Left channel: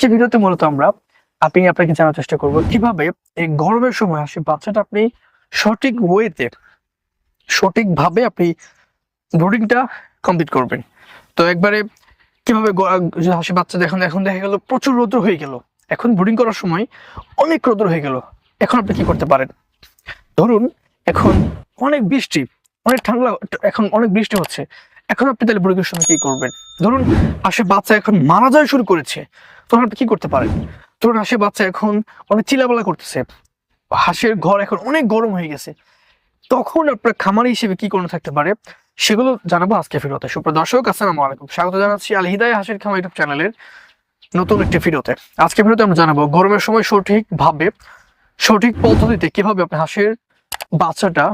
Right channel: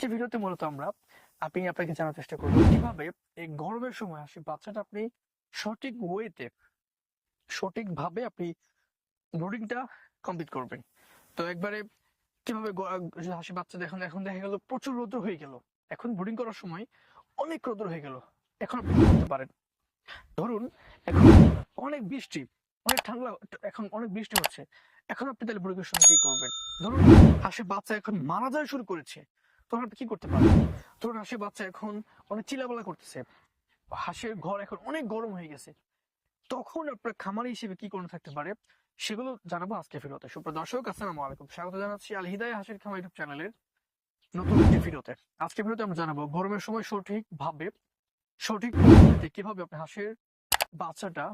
আজকে ভিডিওতে মূলত আমরা আপনি আপনাকে জানার চেষ্টা করব কীভাবে এই গরমের সময় আসে বাচ্চাটা আপনি সঠিক ওয়েতে সঠিকভাবে আপনি ব্রুডিংটা কমপ্লিট করবেন। তো একবারে কীভাবে হাসি বাচ্চা এখন এখন দেখা গেল প্রচুর রোদ্র হয়ে গেল। এখন ব্রুডিং করার সময় অনেক রোদ্র হয়ে গেল। এখন আপনি কি করতে পারেন? ধরুন এখন অনেক বৃষ্টি, অনেক ঠান্ডা, এখন অনেক বৃষ্টি হচ্ছে। এখন আপনি তাহলে ব্রুডিং সময় কি করবেন? ধরুন হাসি বাচ্চা এখন মারা যায় শুরু করেছে। তখন কি করতে পারেন? তোর হাসি বাচ্চা এখন অনেক চিলাবেলা করতেছে। হাঁসের ঘর এখন অনেক গরম হয়ে গেছে। তখন আপনার খামারি হিসেবে কি করণীয় থাকতে পারে? সেগুলো জানাব আজকে ফিরোতে সুপ্রিয় দর্শক, আসসালামু আলাইকুম। স্বাগত জানাচ্ছি আল হিদায় হাসির খামার ইউটিউব চ্যানেলের নতুন একটি ভিডিওতে। আজকে ভিডিওতে আমরা জানাব গরমের সময় সঠিকভাবে, সঠিক পদ্ধতিতে কীভাবে আপনি হাঁসের বাচ্চাটা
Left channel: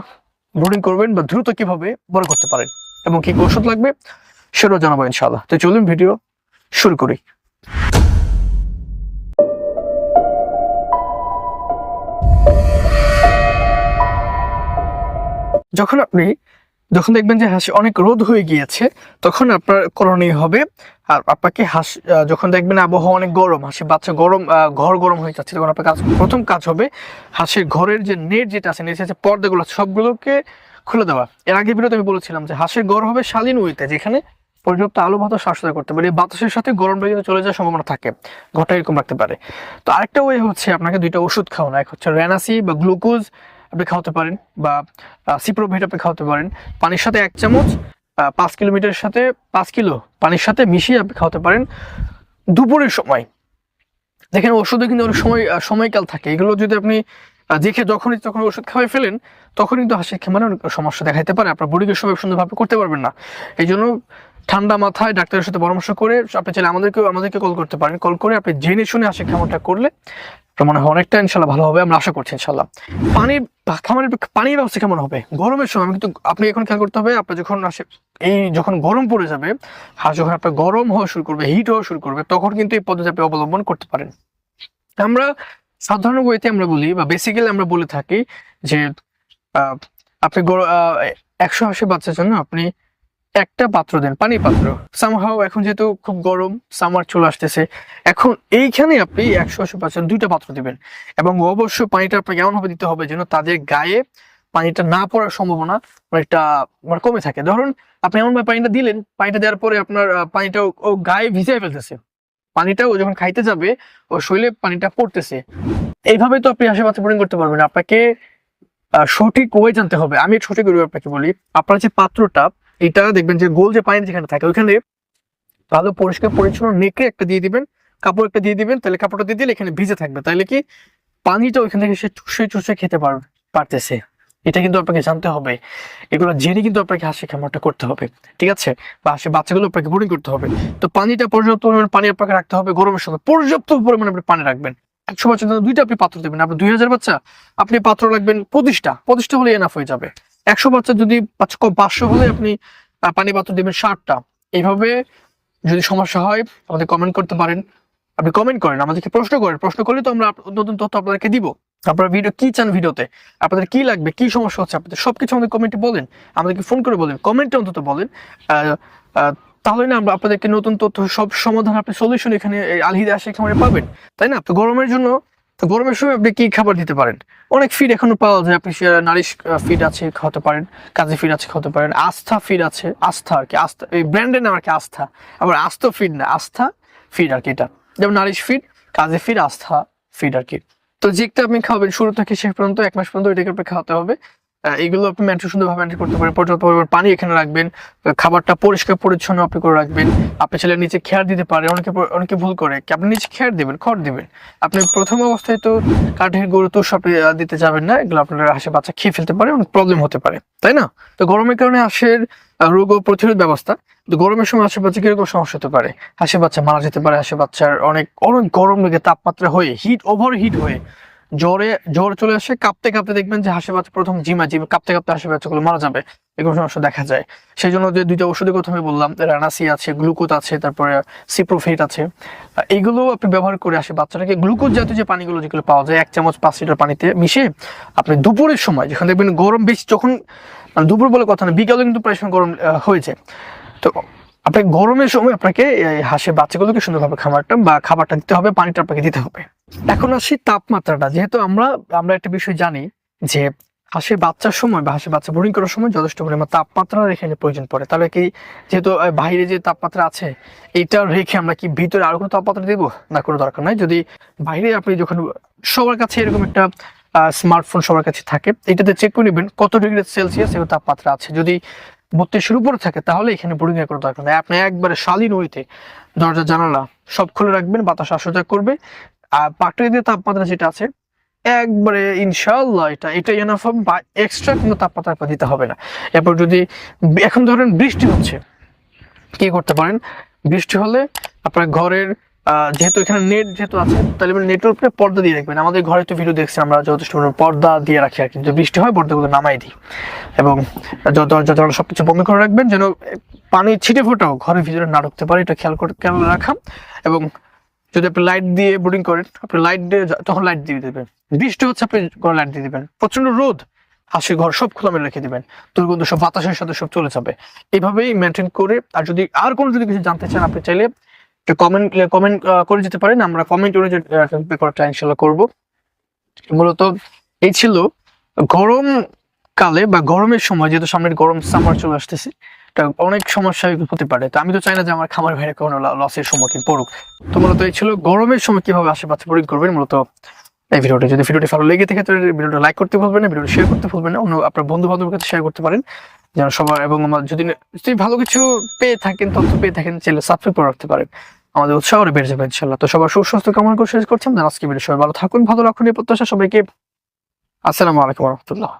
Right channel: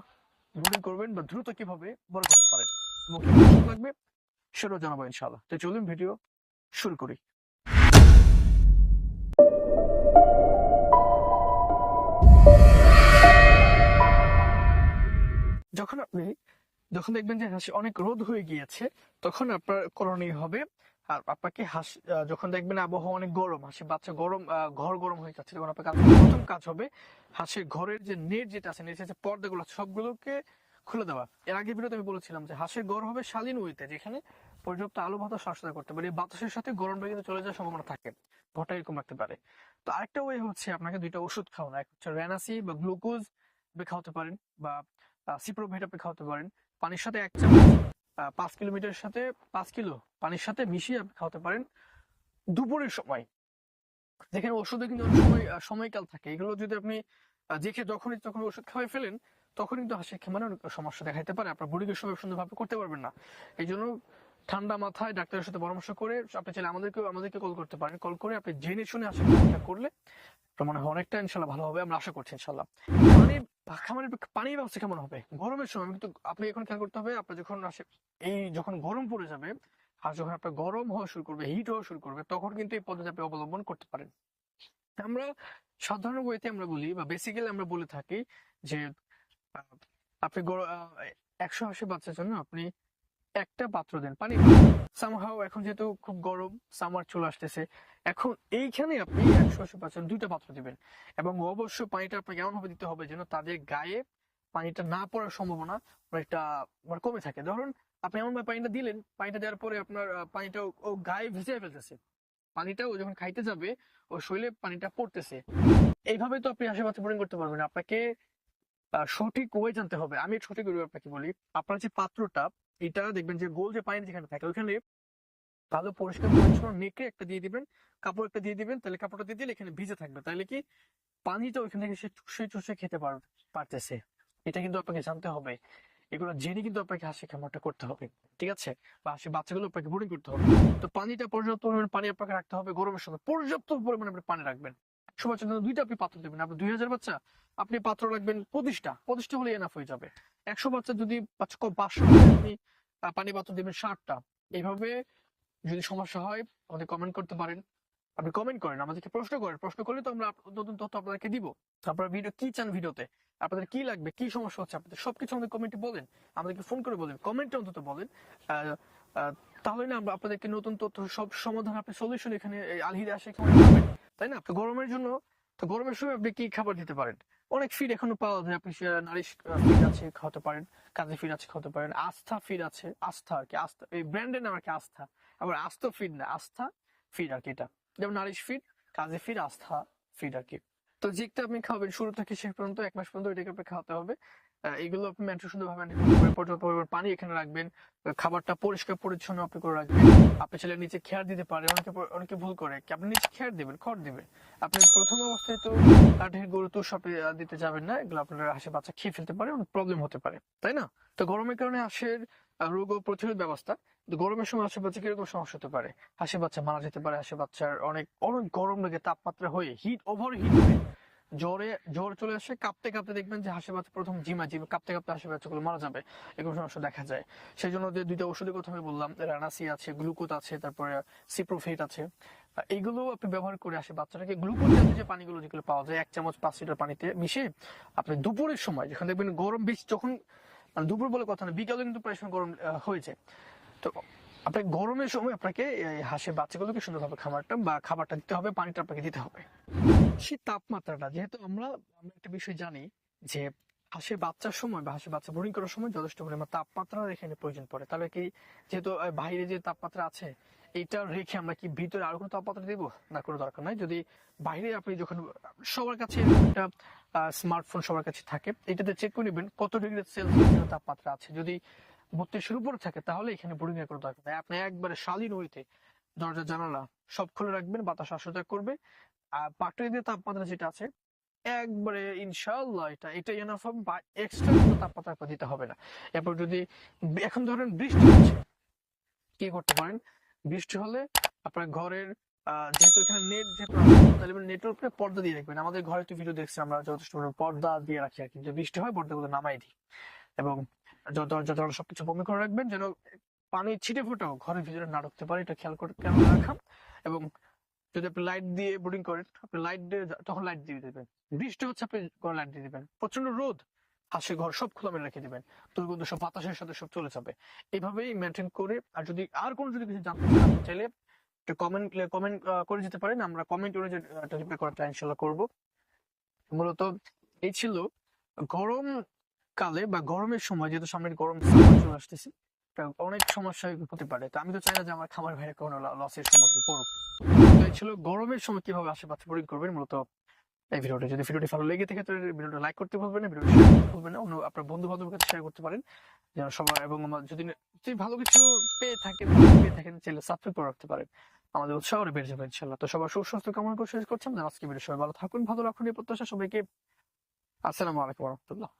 ব্রুডিং করবেন বা দ্রুত কীভাবে বড় করতে পারেন এবং কি ঔষধ লাগবে, সেটাও জানাব ইনশাআল্লাহ। তো চলুন ভিডিও শুরু করি। যখন আপনি যখন দেখবেন যে হাঁস অনেক রোদ হয়ে গিয়েছে, তখন আপনার করণীয় হবে, আর আপনাকে হাঁস যখন দেখবেন আবহাওয়া অনেক গরম হাঁসের বাচ্চা গরম ঘর গরম হয়ে যাচ্ছে, তখন আপনার কাজ, প্রথম কাজ হবে হাঁসের ঘরের যে নেট যেটা আছে, নেট আছে, পর্দাগুলো, সবগুলোকে খুলে দেওয়া। এর আগে ভিডিওতে আমি বলেছিলাম যে হাঁসের ঘর হবে শালীন উইতে যেখানে পর্যাপ্ত আলো বাতাস শ্বাসদার করতে পারে, বাতাসের সাথে গরমটা কিন্তু চলে যাওয়ার সম্ভাবনা থাকে, ঘরটা এরকম রাখতে পারে। তো আরেকটা ওয়ে হচ্ছে, আপনাকে দুইটা ওষুধ খাওয়ানো, এক হচ্ছে রেনাসি বা গ্লুকোজ আপনি খাওয়াতে পারেন বা সিপ্রোভেট আপনি খাওয়াতে পারেন। পানির সাথে এক চামচ পাঁচ কিলোমিটারের সাথে পাঁচ কিলো পানির সাথে মিশিয়ে আপনি খাওয়াতে পারেন দুপুরের সময়। দেখেন, ওষুধে কিন্তু অনেক সময় সময়কাল থাকে। এগুলো যদি আপনি দেখে যখনই তখন ওষুধ খাওয়াই ফেলেন তখন কিন্তু হাসির খেমারে অনেক সমস্যা দেখাইতে পারে। আপনার বডিকে সময় সুন্দরভাবে করতে পারবেন না। এই জন্য ঠান্ডা মাথায় ডাক্তারের সাথে পরামর্শ করে, আপনি চাইলে আমাদেরকেও, আমাদেরকে কল করতে পারেন। কল করে আপনি জেনে শুনে হাসির খামারটা করলে মনে হয় অনেকটা ইনশাল্লাহ ভালো হবে, আমরা আশা করছি ইনশাল্লাহ। পানির খামারের পানির ব্যবস্থা কেমন হবে? গরমের সময় কিন্তু আপনি এখন খেয়াল করতে হবে, আপনার যখন আসে এই যখন গরম পড়ে যাবে হাঁস যখন আপনার গরম হওয়া শুরু করবে হিট হওয়া শুরু করবে, তখন কিন্তু এই পদ্ধতি আপনি অবলম্বন করতে পারেন। আমরা সাধারণ ওয়েতে আমরা বলি, বা বেসিক্যালি আমরা বলে থাকি যে আপনি একশো আশি বাচ্চার জন্য আপনি একটা পাত্র দেন, পানির পাত্র। সামহাও এখন যেহেতু খুব গরম সামার চলে আসতেছে, এখন এইখানে আপনি একশো আশি পার্সেন্ট দুইটা পাত্র দিবেন। এবং অবশ্যই পানিটা আপনাকে এমন ভাবে দিতে হবে যেন তাদের গায়ে পানিটা না পড়ার সম্ভাবনা অনেকটা মানে কমে থাকে। ধরুন, আপনি এমন ভাবে পানিটা দিলেন, পানিটা দেওয়ার পরে আপনার পানিটা ও- গায়ে ভিজিয়ে ফেলতেছে। পানিটা ও যখন খাইতে যাবে, ও শরীরে পানিটা পড়তেছে। এইভাবে তো আপনি আশেপাশে বোরিং করতে পারবেন। আপনাকে সঠিক ওয়ে জানতে হবে। আমি সঠিক আপনাকে বলি। আপনার যে পাত্রটা এটা দেখবেন যে গোল যে পানি যেখানে থাকে, ওইখানে ভালো পরিষ্কার, পরিচ্ছন্ন নেকড়ে একটা দিয়ে দিবেন, কাপড় একটা দিয়ে দিবেন, তাহলে কাপড়টা দিয়ে দিলে এখানে ভিজে থাকবে। তাহলে কি পানিটা ওইখান থেকে সে চুষে চুষে খেতে পার, পারতেছে। এটা কিন্তু আপনাকে জানতে হবে। এগুলো জেনে কিন্তু আপনাকে হাসি খামারটা করতে হবে, ঠিক আছে? বা হাসি বাচ্চাগুলো আপনাকে বোরিং করতে হবে। তো পানিটা পর্যাপ্ত পরিমাণ পানি আপনাকে রাখতে হবে গরমের সময়। পর্যাপ্ত পরিমাণে আপনি পানি রাখবেন। একশো বাচ্চার দুইটা আপনি পাত্র দেবেন। আপনি দুই হাজার বাচ্চা, আপনি পাত্র রাখবেন পঁচিশটা। পঁচিশটা হলে এনাফ হয়ে যাবে। একশো বাচ্চা যদি পাঁচ- পাঁচশো হলে আপনি পানি পাত্র দেবেন ষাটটা। এইভাবে যদি সমস্যা হয়, আমাদের কমেন্ট করতে পারেন। আপনি কমেন্ট করেন, আমাদেরকে প্রশ্ন করেন। প্রশ্ন করলে তো আমরা নতুন তথ্য আপনাদেরকে দিব। আপনারা ভিডিও কি চান ভিডিওতে আপনাদের কি লাগবে? কি সমস্যা হচ্ছে? আপনাদের সবকিছু আমাদের কমেন্টে বলেন। আমাদেরকে ফোন করে বলেন। কমেন্টে অন্তত বলেন। তাহলে না আমরা আপনাদেরকে নতুন তথ্য, সব সমাধান, আপনি সলিউশন এখানে আলহিদা আসে খামারে পাবেন। তাই না? তো গরমের জন্য তো গরমের সময় আপনি কি খাবার দিতে পারেন? অনেক ফিড এখনও পাওয়া যায়, আপনি নারিশ ফিড আছে, খাওয়াতে পারেন, কাজে ফিড আছে, খাওয়াতে পারেন, আস্থা ফিড আছে, আস্থা আর কি, আস্থা, এই ব্র্যান্ডের নাম আর কি, আস্থা, আবার আস্থা ফিড না, আস্থা ফিড আর কি এটা, যেমন নারিশ ফিড কাজে ফিড আস্থা ফিড আর কি, তো যেটা আপনি খাবেন শুরু থেকে শেষ পর্যন্ত, এক মাস পর্যন্ত এটাকে আপনি খাওয়াতে হবে এগুলো আপনি ম্যান্টু সুন্দরভাবে ম্যান্টেন করতে পারেন। পর্যাপ্ত পরিমাণ পানি এখানে রাখবেন খাবারটা পরিষ্কার পরিচ্ছন্ন আপনি করে রাখবেন। আপনি ছেলে নিচে খেয়ার দিতে পারে অনেকে অনেকে ভুল করে। কি আপনি নিচে খেয়ার দিবেন, খড় দিবেন? আপনি প্রথম অবস্থায় তো কাঠের গরু তো সব দিতে যাবেন না, এগুলো আপনার হাসে বাচ্চা খেয়ে ফেলতে পারে অনেক প্রবলেম হতে পারে, তাই না? তো গরমের কারণে হাঁসের রোগ ও প্রতিরোধ ব্যবস্থা গরমের সময় হাঁসের বাচ্চা কীরকম সমস্যা হতে পারে? হাঁসের বাচ্চা মারা যেতে পারে, হাঁসের বাচ্চার অনেক অনেক গরম লেগে তাপমাত্রা হয়ে হিট ওভার হিট হয়ে জ্বরে, জ্বর চলে আসে, কাঁপতে কাঁপতে দেখবেন যে হাঁসের বাচ্চা প্রথম জিমা জিম কাঁপতে কাঁপতে হাঁসের বাচ্চাগুলো মারা যাবে। এগুলো সমস্যা দেখা যায়। সেই জন্য যে দুইটা ওষুধের কথা আমি বললাম রানাসি আছে, গ্লুকোজ আছে, তারপরে সিপ্রোফেট আছে। এইগুলো আপনি ব্যবহার করে আসে বাচ্চাটাকে। গ্লুকোজ জাতীয় যে পানিগুলো যেগুলো পাওয়া যায়, এক চামচ পাঁচ লিটার পানিতে মিশে আপনি দুপুরের সময়, যখন দেখবেন গরম বেশি, যখন মানে দুপুর বলে কথা না, বিকালে কিন্তু প্রায় সময় গরম হয়ে যায় তো আপনাকে গরমের সময় আপনাকে হাঁসের বাচ্চাগুলোকে সুন্দরভাবে খাবারটা বা খাবারটা দিতে হবে, পানিটা আপনাকে দিতে হবে। এখন আসি তাপমাত্রাটা। যেহেতু আমরা আমরা একটা বিষয় জানি যে হাঁসের বাচ্চার সময় বা হাঁসের বাচ্চা বোরিং করার সময় যথেষ্ট পরিমাণ তাপমাত্রা রেখে প্রয়োজন পড়ে। তাহলে কি যেহেতু বাইরে যে তাপমাত্রা আছে, এটা রেখে আমরা কি ভিতরে আরও কোনো তাপমাত্রা দেবো? না, কোনো দরকার নাই। যদি বাইরে আপনি যখন, সবার কাছে এরকম একটা স্মার্টফোন সবার কাছে থাকে, এটাতে চেক করে নেবেন কত ডিগ্রি সেলসিয়াস এবং তাপমাত্রা আছে। যদি বত্রিশের উপরে থাকে, তাহলে এখানে বোরিং এর কোনো দরকার নেই। আপনি একবারে শালীন ওইতে দরজা, জানালা সব খুলে রাখবেন, বাতাস আসা করবে। আর পাটের যে তাপমাত্রা যেটা আছে, একবারে ইনশাল্লাহ এটা এটা এনাফ হবে বা এক্সট্রা কোনো তাপমাত্রা দিতে হবে না। এরপর যদি, এখন ধরেন বৃষ্টি হচ্ছে, কি করতে পারেন? বৃষ্টি হলে আপনার ঘরের যেহেতু এখানে নেট যেহেতু আছে, তাহলে নেটের উপরে পর্দা দিয়ে রাখবেন আমাদের ঘরে তো ভিডিও দেখছি আমরা, যথেষ্ট পর্দা দিয়ে রাখি আর কি। বৃষ্টি হয়, পর্দাগুলো নামাই দিই। এবং দরজা জানালা সবকিছু বন্ধ করে রাখবেন, যেন পানি ছিটে ফোটাও, ঘরের ভিতরে না ঢুকতে পারে। এটা খেয়াল করে খেয়াল রাখা। এবং যদি আপনি লাইট দিয়ে বোর্ডিং করেন, আপনি লাইট দিয়ে তখন লাইট দিয়ে দেবেন। বৃষ্টি হচ্ছে, আপনি ঘরে লাইট দিয়ে দিবেন। প্রচণ্ড রোদ হাসির ঘর সব খোলা মেলে রেখে দিবেন। দুর্গন্ধ সব বাতাসের সাথে সব চলে যাবে। এইভাবেই মেনটেন করে, আর যদি আর কোনো যদি কিছু জানতে চান, আপনি চাইলে কমেন্ট কমেন্ট করে যেতে পারেন। আমরা কমেন্ট অনুযায়ী ইনশাল্লাহ করব। মূলত এই ছিল গরম কালে বা গরমের সময়, যেহেতু সামনের গরম সামার চলে আসতেছে অনেক সমস্যা হতে পারে। তো আমি তো চাই না যে আমার খামার ভাইরা কোনো লসের সম্মুখীন পড়ুক। তো মূলত এই ছিল গরমের সময় কীভাবে আশেপাশে প্রয়োগ করবেন, মূলত এই ভিডিওটি। যদি ভিডিওটি ভালো লেগে থাকে, তাহলে ভিডিওটা লাইক করতে ভুলবেন না, ভিডিওটি শেয়ার করতে ভুলবেন না। অন্য আপনার বন্ধু বান্ধবের কাছে শেয়ার করতে পারেন। যেন সবার এবং আমার যদি যদি ভালো কিছু পেয়ে থাকেন, তথ্য পেয়ে থাকেন চ্যানেল সাবস্ক্রাইব করে রাখতে পারেন। আমাদের উৎসাহ আরও বেড়ে যাবে ইনশাল্লাহ তো সবার সুস্বাস্থ্য কামনা করে শেষ করছি। আমাদের আজকে ভিডিও সবাই ভালো থাকুন, ভালো রাখুন এই প্রত্যাশা সবাইকে। আসসালামু আলাইকুম রহমতুল্লাহ।